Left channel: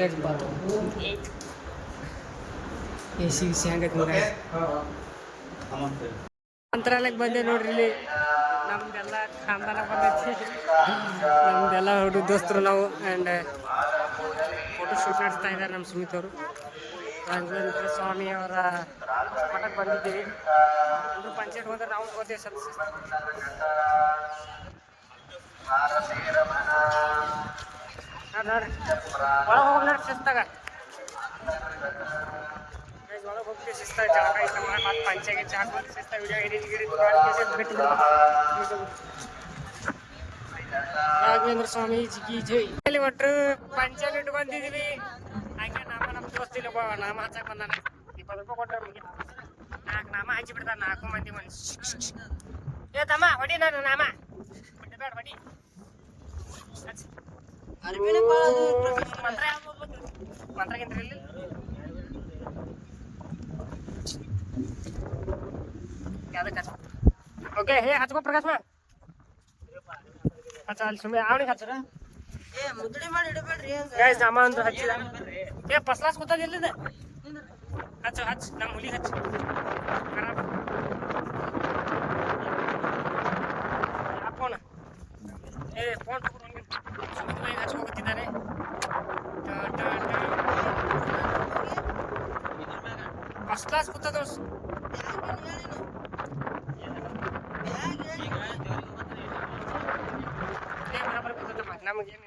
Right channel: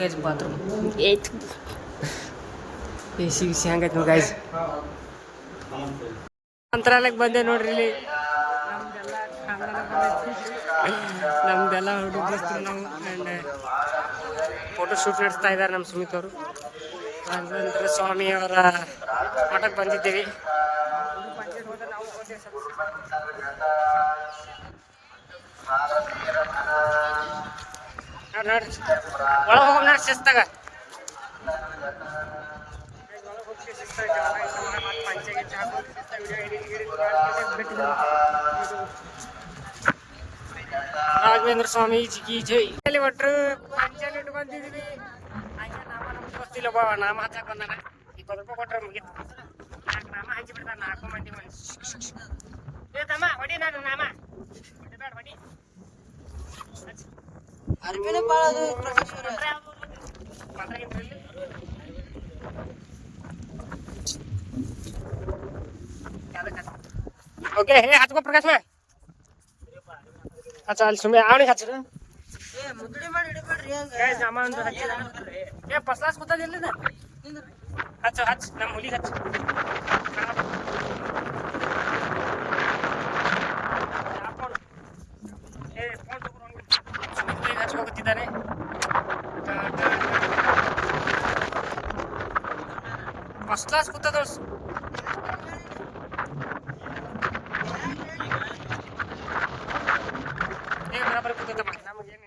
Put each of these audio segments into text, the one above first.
Guys bathroom ಏತ್ AC ಗಿಸಿ ಹಂಗೈತೆ guys. ಮಂತ್ರಾಲಯಕ್ಕೆ ಬಂದೆ ನೋಡ್ರಿ. ಇಲ್ಲಿ ನಮ್ದೆಲ್ಲ ಖಾನ್ದಾನ ಬಂದೈತಿ. ನಮ್ದೆಲ್ಲ ಹುಡುಗ ದೋಸ್ತರು ನಾವು. ಆ್ಯಂಡ್ ಫೋಟೋ ಶೂಟ್ ನಡೆಸ್ತಾ ಇದ್ದಾರೆ ನಮ್ಮ ಸುಮಿತ್ ಅವರು. ರಾಘವೇಂದ್ರ ಸ್ವಾಮಿ ಅವರ ಮಠಕ್ಕೆ ಬಂದಿದ್ದೀವಿ. ಎಲ್ಲರೂ ಪಂಚಾಯತ್ ಹೋದ್ರೆ ನಾವು ತಗೋತೀವಿ ಸ್ವಲ್ಪ. ನೋಡ್ರಿ ಒಳಗೆ ಹೋಗೋಣ ನೋಡಿ ಶಿಸ್ತಾಗ. ಒಳಗೆ ಹೋಗ್ತೀವಿ ಶಿಸ್ತಾಗ ಜಾಗ ಇಷ್ಟ ಮಾಡಿ ಮತ್ತೆ ಪಂಚಾಯತ್ ಚಾಕೊಂಡು ಶಿಸ್ತಾಗ ವಿಡಿಯೋ ರಾಘವೇಂದ್ರ ಸ್ವಾಮಿ ಜಿಗಿ ಜೈ. ಅಲ್ಲಿ ಒಟ್ಟರು ಪಂಚಾಯತ್ ಇಟ್ಟು ಬಂದಿದ್ದೀವಿ. ಹಾಗೆ ನಾಮ ನಮ್ಮ ದೋಸ್ತಿಲ್ಲ ಒಬ್ಬ ನಾಮ ಹಚ್ಚಕ್ ಬಂದಾನ. 20 ರೂಪಾಯಿ ಕೊಟ್ರೆ ಮುಗಿತು. ನಾಮ ಹಚ್ಚಿ ಬಿಡ್ತಾನ. 4 ಮಂದಿ ಏ ತಮ್ಮ ಹೊಡಿ ನಾನು ನಾಮ ಬೇಡ ಹೊಡಿ. ओके हे हचको प्रकाश में अच्छा ಅಲ್ಲಿ ಸುಮ್ಮನೆ ಅವನಿಗೆ ಹಚ್ಚರ ಮುದ್ಡಿ ಮಾಡಿ ಇಡಬೇಡ್ರಿ. ಏ ಸಾಮಾನ್ ಹಚ್ಚಿದ ಏ ಪಸ್ಲಾಸ್ ಗೊತ್ತಾದಿಲ್ಲ ಹಚ್ಚ ಹಚ್ಚ ನಮ್ಮ ಹುಡುಗಿ ಹಚ್ಚ. ಫೋನ್ ಏ ಫೋನ್ ತಗೊಂಡು ಹಚ್ಕೋತಿದ್ದಾನೆ. First class ಕೂತದ ಬರಾಬರಿ ಕೂತದ. ನಮಗೇನು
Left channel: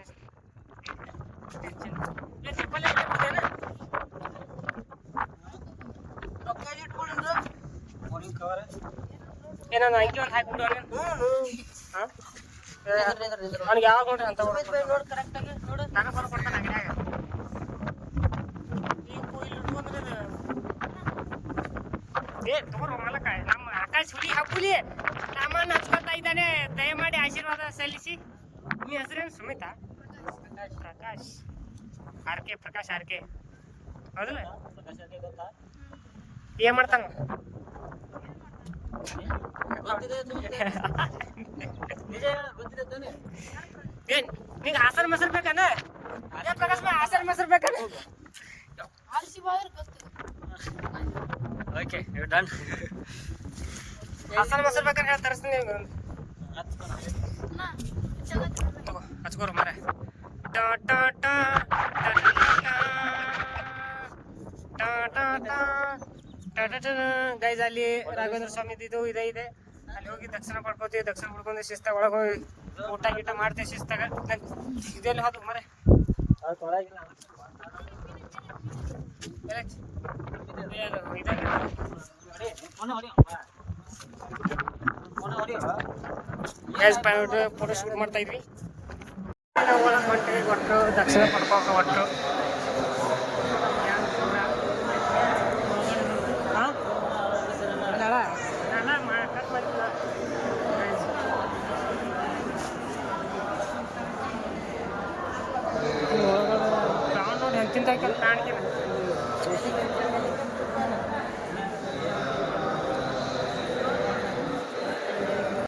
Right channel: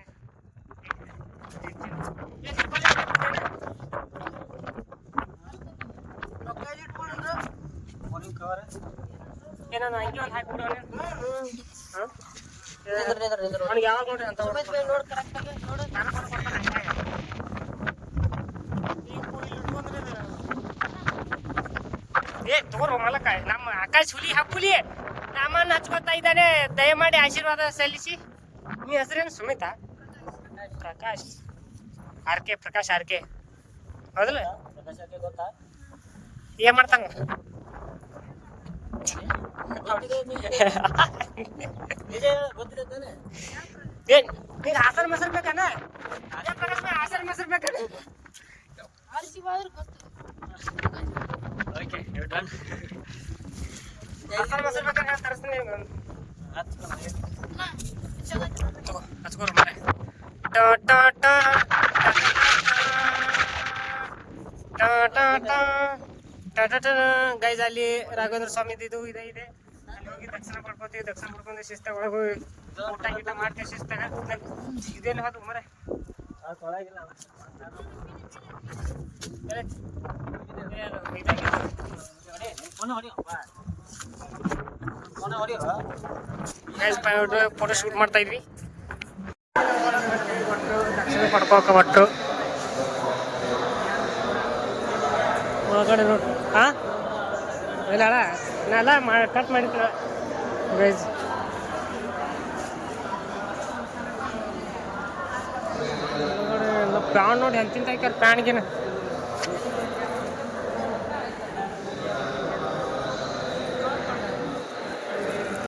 ಏನಾನ ಐಟಿ ಒಂದು ಹಾಕ್ಬಿಡು. ಅವ್ನಿಗೆ ಯಾವಾಗ ನೋಡ್ರಿ ಅಂತ ನಾನು ಕೊಡ್ತಾನೆ. ಏ ತಗೋರು ಮಲಕ ನಮ್ಮ ಆಕಾಶ್ ಹುಲಿ ಹಬ್ಬುಲಿ ನಾಮನ್ನ ಹಚ್ಕೊತಾ ಇದ್ದಾನೆ. ದಯಮಾಡಿ ಆಶೀರ್ವಾದ ಸಲ್ಲಿಸಿ. ನೀ ಹೆಸರೇನು ಸುಮಿತಾ? ಪ್ರಕಾಶ್ ಆರ್ಕೆ. ಪ್ರಕಾಶ್ ಆರ್ಕೆ ಹೌದಲ್ಲ? ಏನ್ ಮಾಡ್ತಾನೆ? ಏನ್ ನಿಂಗೆ ಹಾಸನ ಮೊಸರು ಬೇಕಾನ? ಪ್ರಕಾಶ್ ಹಾಸನ ಮೊಸರು ಬೇಕಾನ? Okay done. ಹಾಸನ ಮೊಸರು ಬೇಕಾದ್ರೆ ಹೇಳಿ ತರಿಸ್ತೀನಿ. ಹಚ್ಕೋರು ಮಾರೆ. ಗೈಸ್ ಅಲ್ಲಿ ರಾಘವೇಂದ್ರ ಸ್ವಾಮಿ ಇದು ಇದೆ. ಅಲ್ಲಿ ಹೋಗಿ ದರ್ಶನ ಮಾಡ್ಕೋತೀವಿ. ದರ್ಶನ ಮಾಡ್ಕೊಂಡು ಶಿಸ್ತಾಗ ಒಳಗೆ ಹೋಗಿ ಊಟ ಗೀಟ ಮಾಡ್ತೇವೆ ಶಿಸ್ತಾಗ. ಇದೆಲ್ಲ ಹೋದ ಮರ ಫೋಟೋ ಶೂಟ್ ಮಾಡ್ತಾ ಇದ್ವಿ. ಕೊಟ್ಟು ದಕ್ಷಿಣ ಪಡ್ಕೊಳಕ ಒಟ್ಟು ಒಳಗಡೆ ಹಾಂ ಇಲ್ಲ ನಾನೆಲ್ಲ ಕಟ್ ಮಾಡಿದ್ದೆ ಗೈಸ್. ಒಳಗಡೆ ಪ್ಯಾನ್ ನೋಡಿ ಎಂತಿಂತ ಹಾಕ್ಯಾರ ಪ್ಯಾನ್ಗೇನು.